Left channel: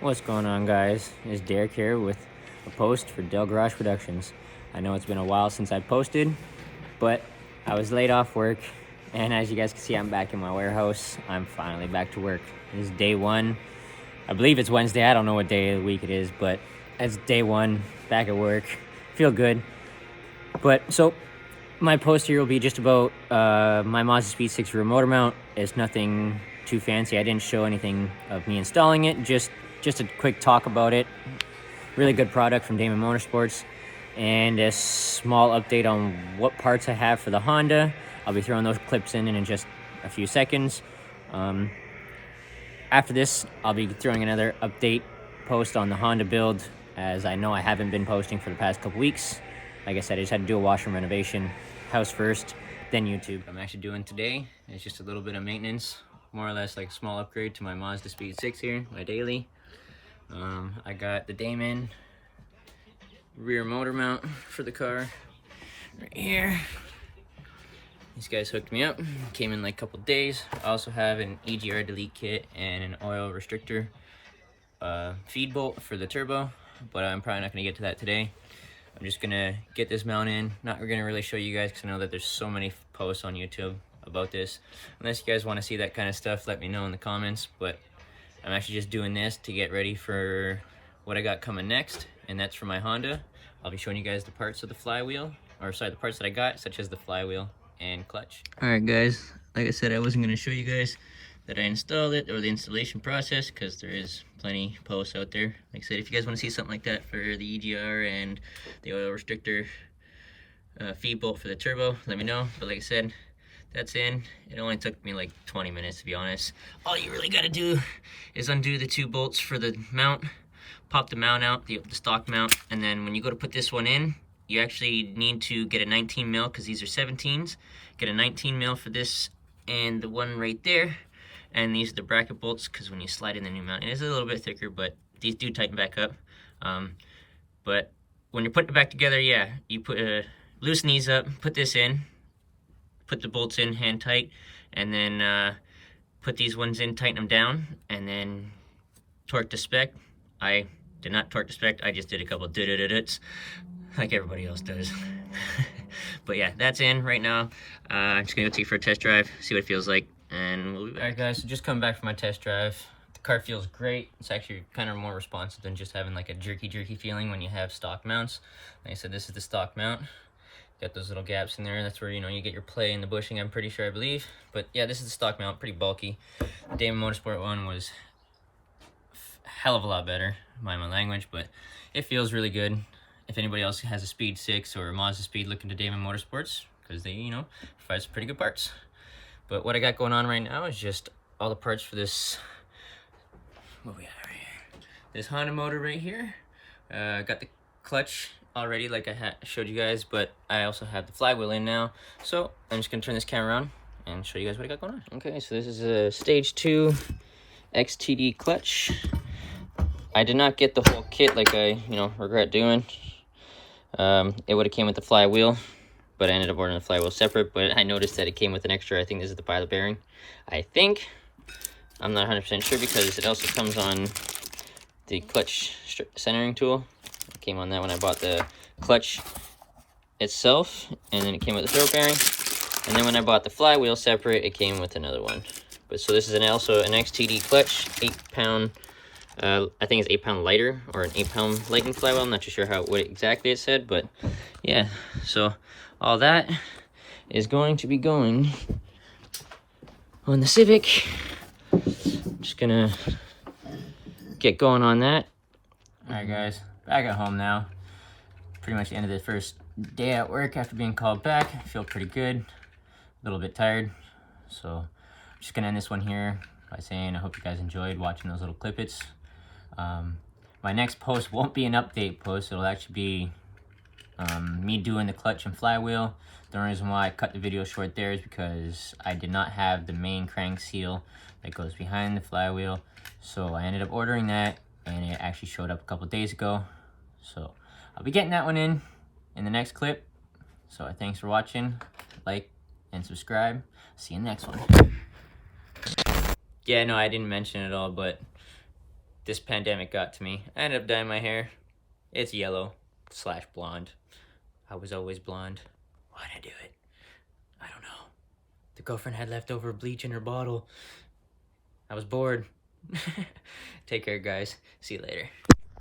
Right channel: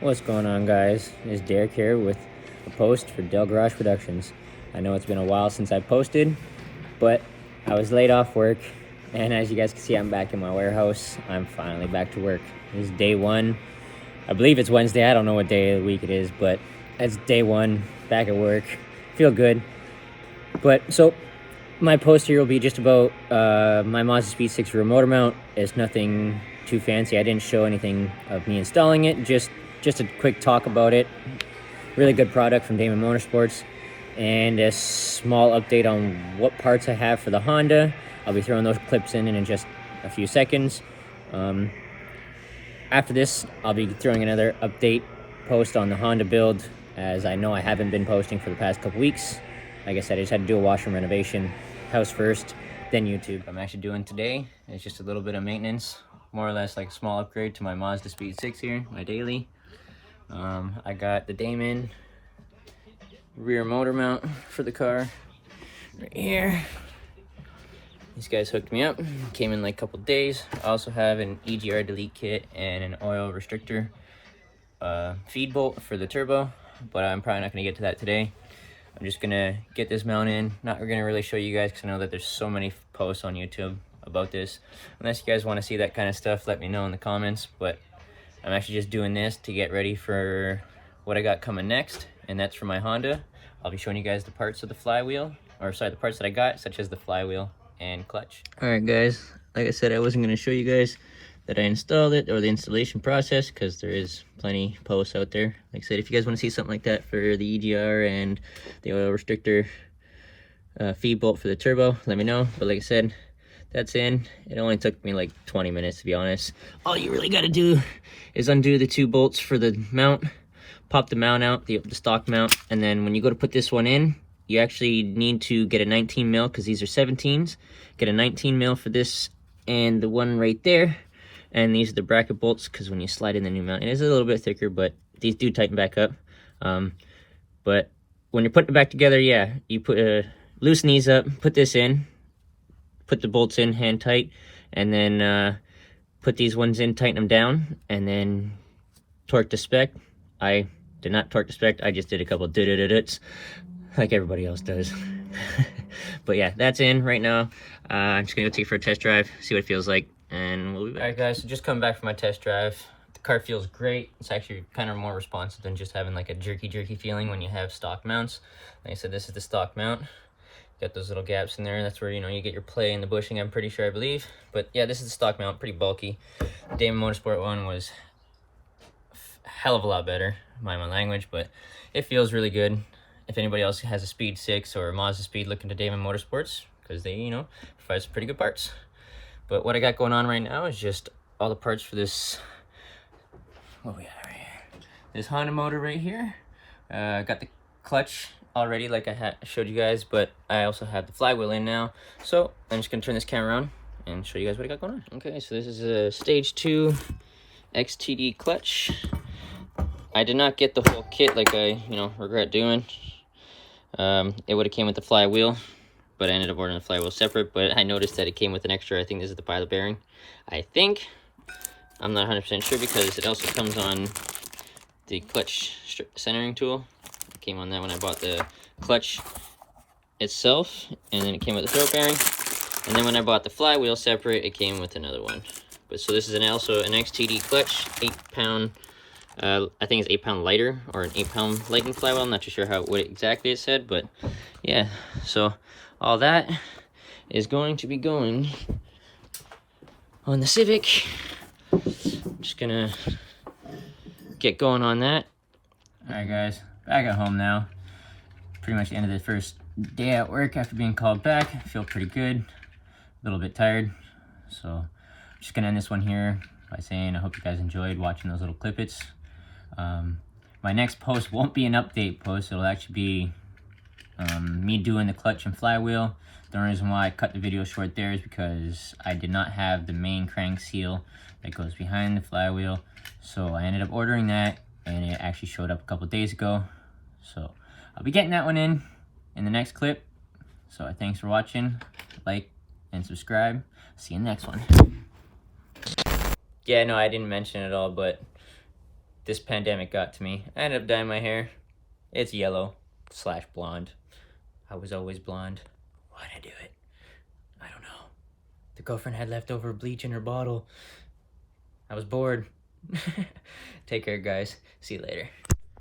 What's going on, guys? It's Derek here with a post for Del Garage Productions. I know it's been a while since I posted, but I was laid off work, and as you guys can see, I'm back in my warehouse. I'm finally back to work. This is day one. I believe it's Wednesday. I don't know what day of the week it is, but it's day one, back at work. Feel good. But so my post here will be just about my Mazdaspeed6 rear motor mount. It's nothing too fancy. I didn't show anything of me installing it, just a quick talk about it. Really good product from Damond Motorsports, and a small update on what parts I have for the Honda. I'll be throwing those clips in just a few seconds. After this, I'll be throwing another update post on the Honda build, as I know I haven't been posting for the past couple weeks. Like I said, I just had to do a washroom renovation. House first, then YouTube. What I'm actually doing today is just a little bit of maintenance, more or less like a small upgrade to my Mazdaspeed6 here, my daily. I got the Damond rear motor mount for the car right here. These guys hooked me up, came in like a couple days. I also have an EGR delete kit and an oil restrictor feed bolt for the turbo, but I'm probably not going to get to that today. I'm just going to get this mount in. Not going to really show you guys because I know that there's so many posts on YouTube about this. Unless you guys want to see that kind of stuff, let me know in the comments, but I'm actually just doing this to get ready for what I got coming next, and that's for my Honda. I'll be showing you guys the parts of the flywheel, or sorry, the parts that I got, such as the flywheel and clutch. Alright guys, like I said, I wasn't going to show you guys that I installed it, or the installation process, because there is plenty posts out there. Like I said, if you guys want to see something like that for the EGR and the oil restrictor feed bolt for the turbo, let me know. But like I said, that's in. It only took me like 20 minutes, to be honest. All you really got to do is undo the two bolts for the mount, pop the mount out, the stock mount, and then when you go to put this one in, you actually need to get a 19 mil, because these are 17s. Get a 19 mil for this and the one right there. And these are the bracket bolts, because when you slide in the new mount, it is a little bit thicker, but these do tighten back up. But when you're putting it back together, yeah, you put loosen these up, put this in, put the bolts in hand tight, and then put these ones in, tighten them down, and then torque to spec. I did not torque to spec, I just did a couple duts like everybody else does. But yeah, that's in right now. I'm just gonna go take it for a test drive, see what it feels like, and we'll be back. Alright guys, so just coming back from my test drive. The car feels great. It's actually kind of more responsive than just having like a jerky feeling when you have stock mounts. Like I said, this is the stock mount. Got those little gaps in there. That's where, you know, you get your play in the bushing, I'm pretty sure, I believe. But yeah, this is the stock mount, pretty bulky. The Damond Motorsport one was a hell of a lot better, mind my language, but it feels really good. If anybody else has a Speed 6 or a Mazdaspeed, look into Damond Motorsports, because they, you know, provide some pretty good parts. But what I got going on right now is just all the parts for this, what we got right here, this Honda motor right here. Got the clutch already, like I showed you guys, but I also have the flywheel in now. So I'm just gonna turn this camera around and show you guys what I got going on. Okay, so this is a stage 2 XTD clutch. I did not get the whole kit like I, regret doing. It would have came with the flywheel, but I ended up ordering the flywheel separate. But I noticed that it came with an extra, I think this is the pilot bearing. I think, I'm not 100% sure, because it also comes on the clutch centering tool. It came on that when I bought the clutch itself, and then it came with the throw bearing. And then when I bought the flywheel separate, it came with another one. But so this is also an XTD clutch, 8-pound. I think it's 8 pound lighter, or an 8 pound Lightning flywheel. I'm not too sure what exactly it said, but yeah. So all that is going to be going on the Civic. I'm just gonna get going on that. All right, guys, back at home now. Pretty much the end of the first day at work after being called back. I feel pretty good, a little bit tired. So I'm just gonna end this one here by saying I hope you guys enjoyed watching those little clippets. My next post won't be an update post. It'll actually be me doing the clutch and flywheel. The only reason why I cut the video short there is because I did not have the main crank seal that goes behind the flywheel. So I ended up ordering that, and it actually showed up a couple days ago. So I'll be getting that one in the next clip. So thanks for watching. Like and subscribe. See you in the next one. Yeah, no, I didn't mention it all, but this pandemic got to me. I ended up dyeing my hair. It's yellow / blonde. I was always blonde. Why'd I do it? I don't know. The girlfriend had leftover bleach in her bottle. I was bored. Take care, guys. See you later.